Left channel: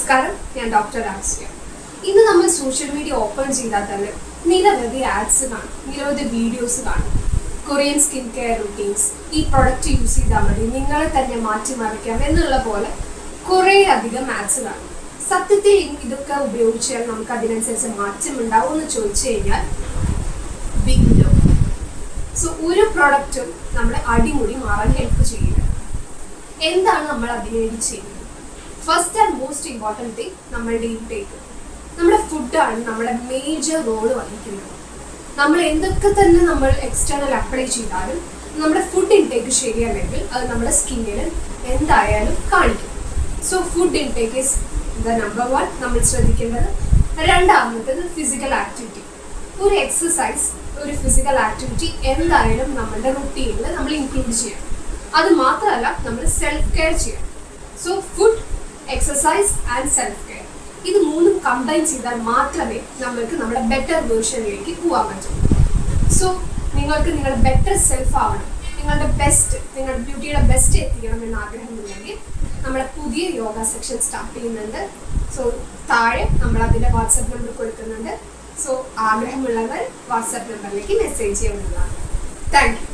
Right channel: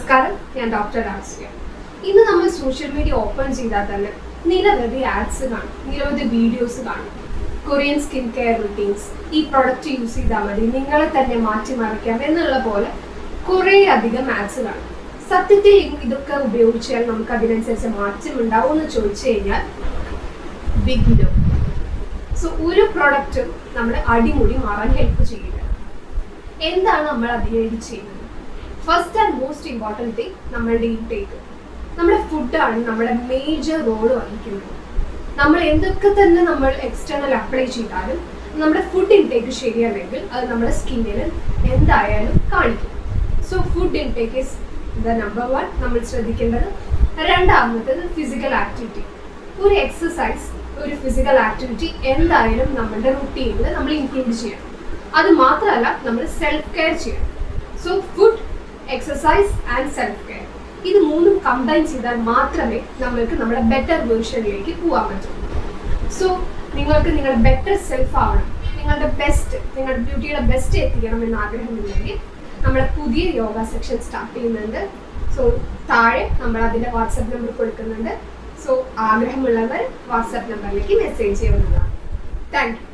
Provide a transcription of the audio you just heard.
നമസ്കാരം, ഞാൻ ഡോക്ടർ രാസ്യ. ഇന്ന് നമ്മൾ സോഷ്യൽ മീഡിയ ഓപ്പൺ ചെയ്താൽ തന്നെ നിരവധി ആഡ്സ് കാണും, നിരവധി വീഡിയോസ് കാണും. കൊറിയൻ സ്കിൻ കെയർ റുട്ടീൻസ്, ഈ പ്രൊഡക്റ്റ് യൂസ് ചെയ്താൽ മതി, നിങ്ങളെ തന്നെ മാറ്റിമറിക്കാം എന്നുള്ള പോലെ കുറേ അധികം ആഡ്സ് കാണും. സത്യത്തിൽ ഇതൊക്കെ ഉപയോഗിച്ചാൽ നമുക്ക് അതിനനുസരിച്ച് മാറ്റം ഉണ്ടാവും എന്ന് ചോദിച്ചു കഴിഞ്ഞാൽ ബിഗ് നോ. സോ ഒരു പ്രൊഡക്റ്റും നമ്മളെ അടിമുടി മാറാൻ ഹെൽപ്പ് ചെയ്യില്ല. എന്താണ് നമ്മൾ അതിനുവേണ്ടി ചെയ്യുന്നത്? First and most important thing നമ്മളുടെ ഇൻടേക്ക്. നമ്മുടെ ഫുഡാണ് നമ്മുടെ മേജർ റോള് വഹിക്കുന്നത്. നമ്മൾ എന്തൊക്കെ തന്നെ നമ്മൾ എക്സ്റ്റേണൽ അപ്ലൈ ചെയ്താലും നമ്മുടെ ഫുഡ് ഇൻടേക്ക് ശരിയല്ലെങ്കിൽ അത് നമ്മുടെ സ്കിന്നിൽ എന്തായാലും കാണിക്കും. So food intake is the number 1 നമ്മൾ ശ്രദ്ധിക്കേണ്ടത്. രണ്ടാമത്തേത് ഫിസിക്കൽ ആക്ടിവിറ്റി. ഒരു എക്സസൈസ്, ഒരു ഫിസിക്കൽ ആക്ടിവിറ്റി എന്തായാലും നമ്മുടെ റുട്ടീനിൽ നമ്മൾ ഇൻക്ലൂഡ് ചെയ്യണം. അത് മാത്രമല്ല, നമ്മൾ സെൽഫ് കെയർ ചെയ്യണം. So food, exercise and self care, ഇത് മൂന്നും കമ്പൈൻ ചെയ്താൽ മാത്രമേ നമ്മൾക്ക് നമ്മുടെ ബെറ്റർ വേർഷനിലേക്ക് പോകാൻ പറ്റൂ. സോ നിങ്ങൾക്ക് നിങ്ങളുടെ ബെറ്റർ സെൽഫ് ആവണം, നിങ്ങളുടെ ബെസ്റ്റ്, നിങ്ങളുടെ ബ്യൂട്ടിയുടെ ബെസ്റ്റ് എത്തിക്കണം എന്ന ആഗ്രഹമുണ്ടെങ്കിൽ നമ്മുടെ പുതിയ യോഗ സെക്ഷൻ സ്റ്റാർട്ട് ചെയ്യുന്നുണ്ട്. സോ താഴെ നമ്മൾ അതിൻ്റെ വാട്സപ്പ് നമ്പർ കൊടുക്കുന്നുണ്ട്. സോ ആഗ്രഹമുള്ളവർ വാട്സപ്പ് നമ്പറിലേക്ക് മെസ്സേജ് ചെയ്യുന്നതാണ്. Thank you.